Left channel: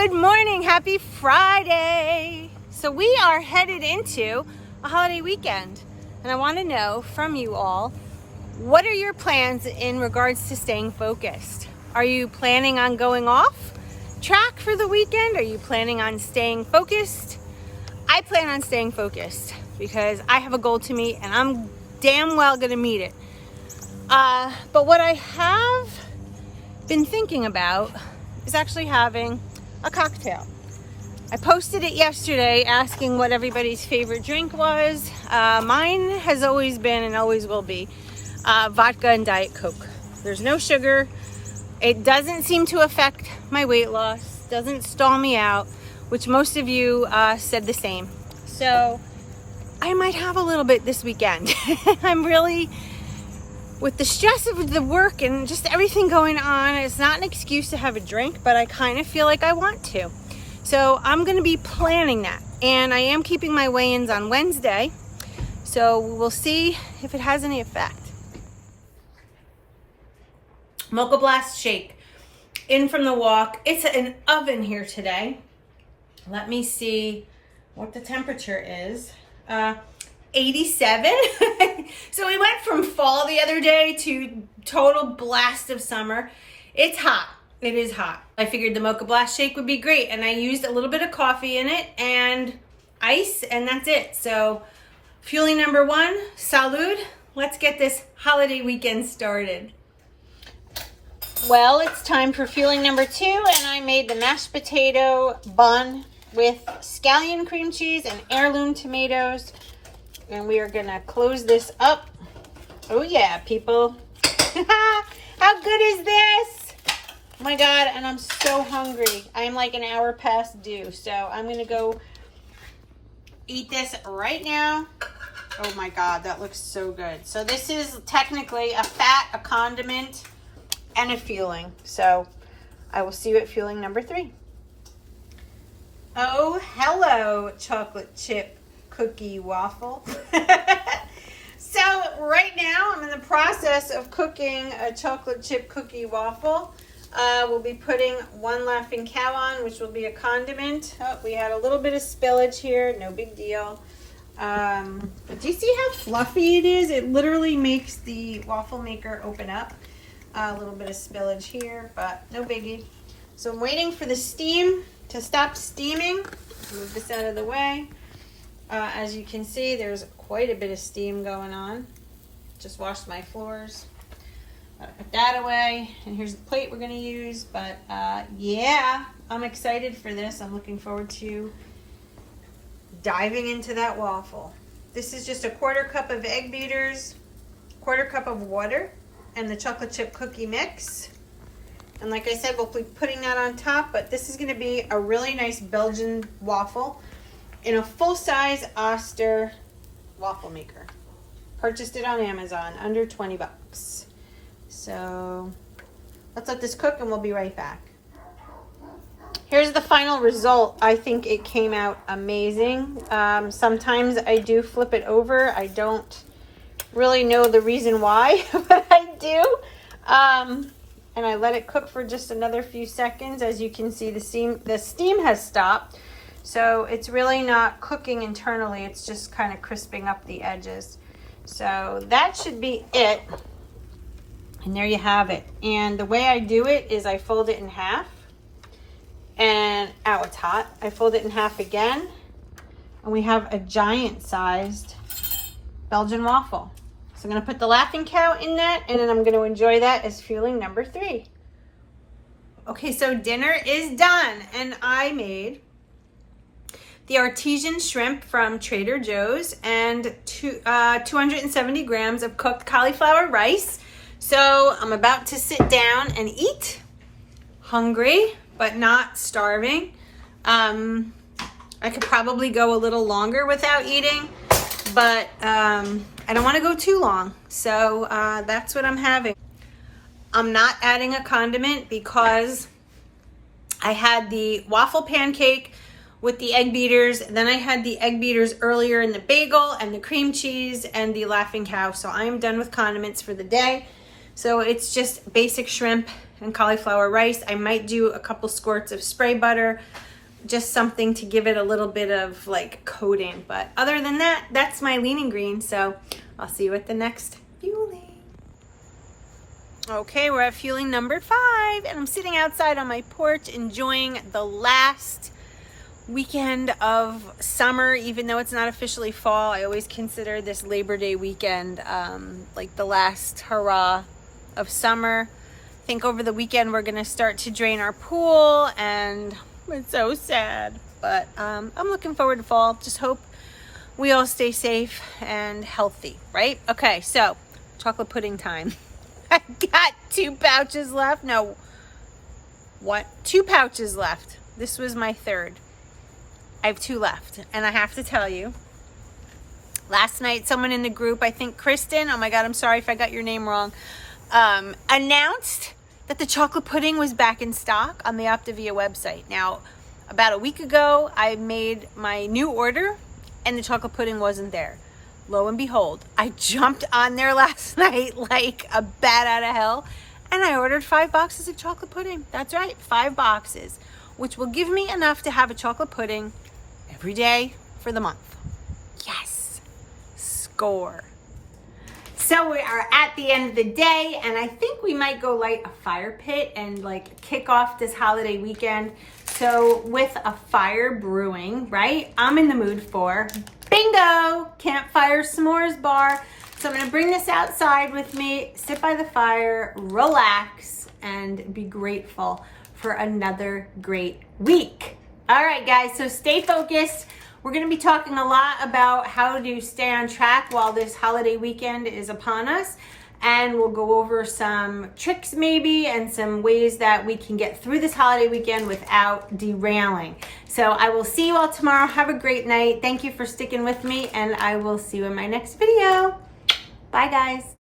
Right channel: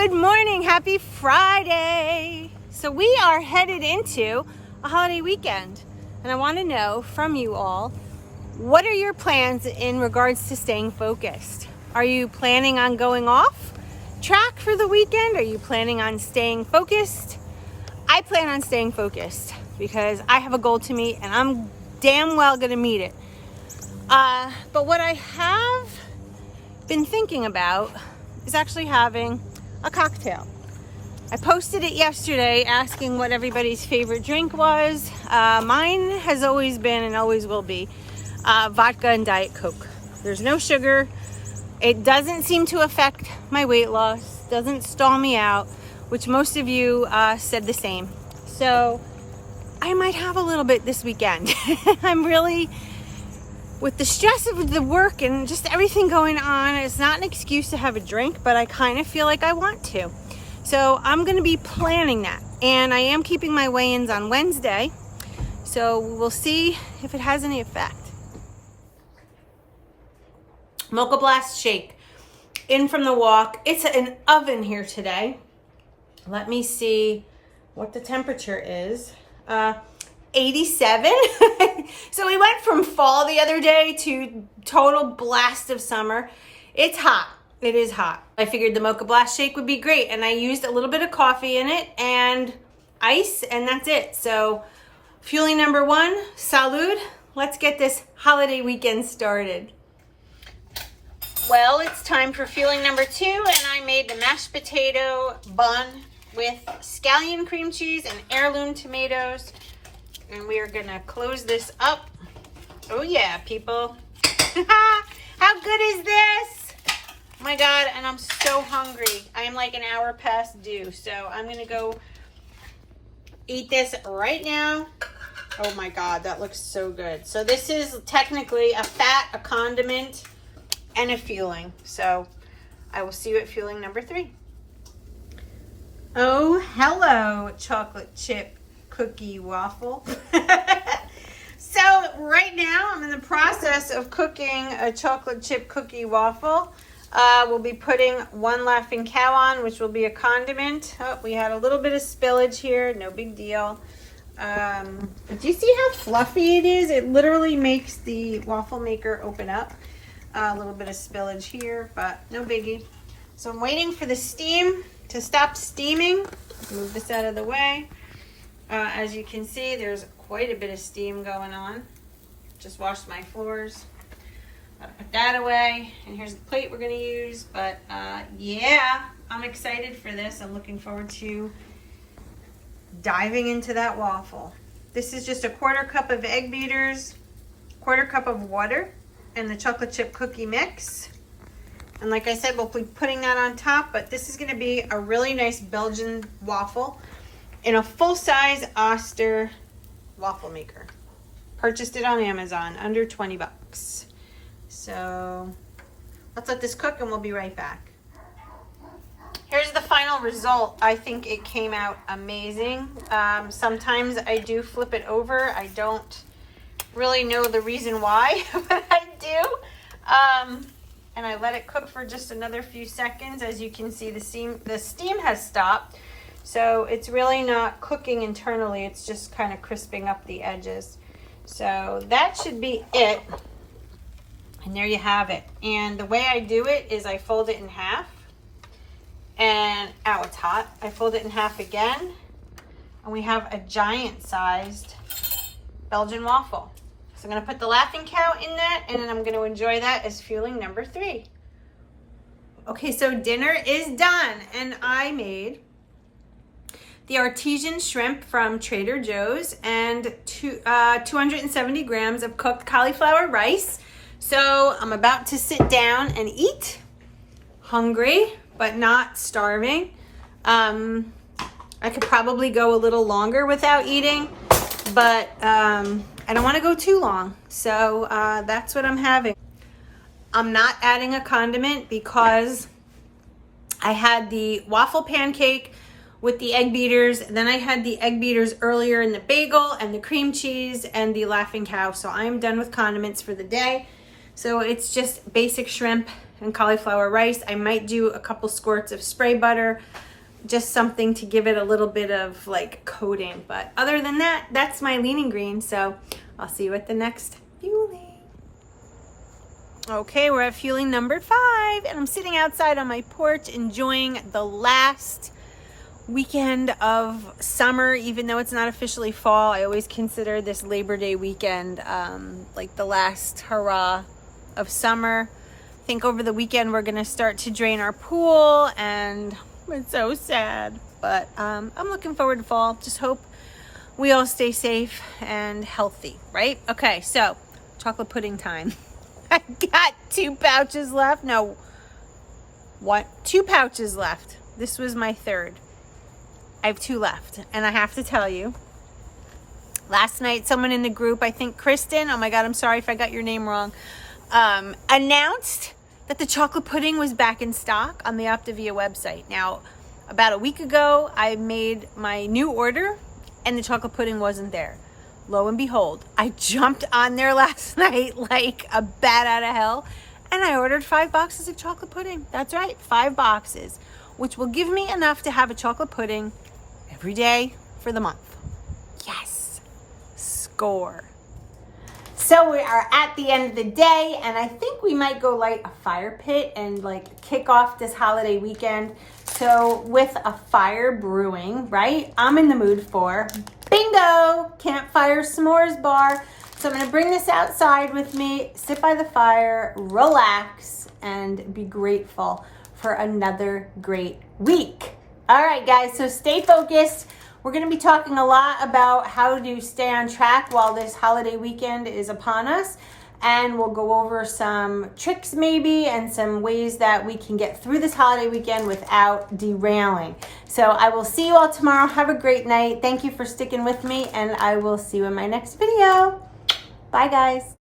Good morning, happy Friday. So we are headed into a holiday weekend, and I want to know from you all, what are your plans in regards to staying focused? Are you planning on going off track for the weekend? Are you planning on staying focused? I plan on staying focused because I have a goal to meet and I'm damn well gonna meet it. But what I have been thinking about is actually having a cocktail. I posted it yesterday asking what everybody's favorite drink was. Mine has always been and always will be vodka and Diet Coke. There's no sugar. It doesn't seem to affect my weight loss, doesn't stall me out, which most of you said the same. So I might have a little bit this weekend. I'm really, with the stress of the work and just everything going on, it's not an excuse to have a drink, but I kind of feel like I want to. So I'm gonna be planning that. And I am keeping my weigh-ins on Wednesday. So we'll see if it has any effect. Mocha Blast shake. In from the walk. It's an oven here today. Let me see what the temperature is. 87. So we went from fall the other day to total blast of summer. It's hot. It is hot. I figured the Mocha Blast shake would be great, and I used a little bit of coffee in it and ice, and that's it. So fueling number one, salud. Let's get this holiday weekend started. Well, it's time for fueling number two, and I made the mashed potato bun with scallion cream cheese and heirloom tomatoes. And we are gonna close this up. Oh yeah, people. How good is this? Oh my God, and I'm so hungry. I'm like an hour past due, so I'm gonna go eat this right now. Oh my God, that looks so good. So this is technically a fat, a condiment, and a fueling. So I will see you at fueling number three. Oh, hello, chocolate chip cookie waffle. So right now I'm in the process of cooking a chocolate chip cookie waffle. We'll be putting one Laughing Cow on, which will be a condiment. Oh, we had a little bit of spillage here, no big deal. But do you see how fluffy it is? It literally makes the waffle maker open up. A little bit of spillage here, but no biggie. So I'm waiting for the steam to stop steaming. Move this out of the way. As you can see, there's quite a bit of steam going on. Just washed my floors. Gotta put that away. And here's the plate we're gonna use. But yeah, I'm excited for this. I'm looking forward to diving into that waffle. This is just a 1/4 cup of egg beaters, 1/4 cup of water, and the chocolate chip cookie mix. And like I said, we'll be putting that on top, but this is gonna be a really nice Belgian waffle in a full-size Oster waffle maker. Purchased it on Amazon, under 20 bucks. So let's let this cook and we'll be right back. Here's the final result. I think it came out amazing. Sometimes I do flip it over. I don't really know the reason why, but I do. And I let it cook for just another few seconds. As you can see, the steam has stopped. So it's really not cooking internally. It's just kind of crisping up the edges. So that should be it. And there you have it. And the way I do it is I fold it in half. And, ow, it's hot. I fold it in half again. And we have a giant-sized Belgian waffle. So I'm going to put the Laughing Cow in that, and then I'm going to enjoy that as fueling number three. Okay, so dinner is done, and I made the artesian shrimp from Trader Joe's and 270 grams of cooked cauliflower rice. So I'm about to sit down and eat. Hungry, but not starving. I could probably go a little longer without eating, but I don't want to go too long. So that's what I'm having. I'm not adding a condiment because I had the waffle pancake with the egg beaters. Then I had the egg beaters earlier in the bagel and the cream cheese and the Laughing Cow. So I am done with condiments for the day. So it's just basic shrimp and cauliflower rice. I might do a couple squirts of spray butter, just something to give it a little bit of like coating. But other than that, that's my lean and green. So I'll see you at the next fueling. Okay, we're at fueling number 5, and I'm sitting outside on my porch enjoying the last weekend of summer. Even though it's not officially fall, I always consider this Labor Day weekend like the last hurrah of summer. I think over the weekend we're gonna start to drain our pool, and it's so sad, but I'm looking forward to fall. Just hope we all stay safe and healthy, right? Okay, so chocolate pudding time. I got 2 pouches left. No, what? 2 pouches left. This was my 3rd. I have 2 left, and I have to tell you, last night someone in the group, I think Kristen, oh my God, I'm sorry if I got your name wrong, announced that the chocolate pudding was back in stock on the Optavia website. Now, about a week ago, I made my new order, and the chocolate pudding wasn't there. Lo and behold, I jumped on there last night like a bat out of hell, and I ordered 5 boxes of chocolate pudding. That's right, 5 boxes, which will give me enough to have a chocolate pudding every day for the month. Yes, score. So we are at the end of the day, and I think we might go light a fire pit and like kick off this holiday weekend. So with a fire brewing, right? I'm in the mood for bingo, campfire s'mores bar. So I'm gonna bring this outside with me, sit by the fire, relax, and be grateful for another great week. All right, guys, so stay focused. We're gonna be talking a lot about how to stay on track while this holiday weekend is upon us. And we'll go over some tricks maybe and some ways that we can get through this holiday weekend without derailing. So I will see you all tomorrow. Have a great night. Thank you for sticking with me, and I will see you in my next video. Bye, guys.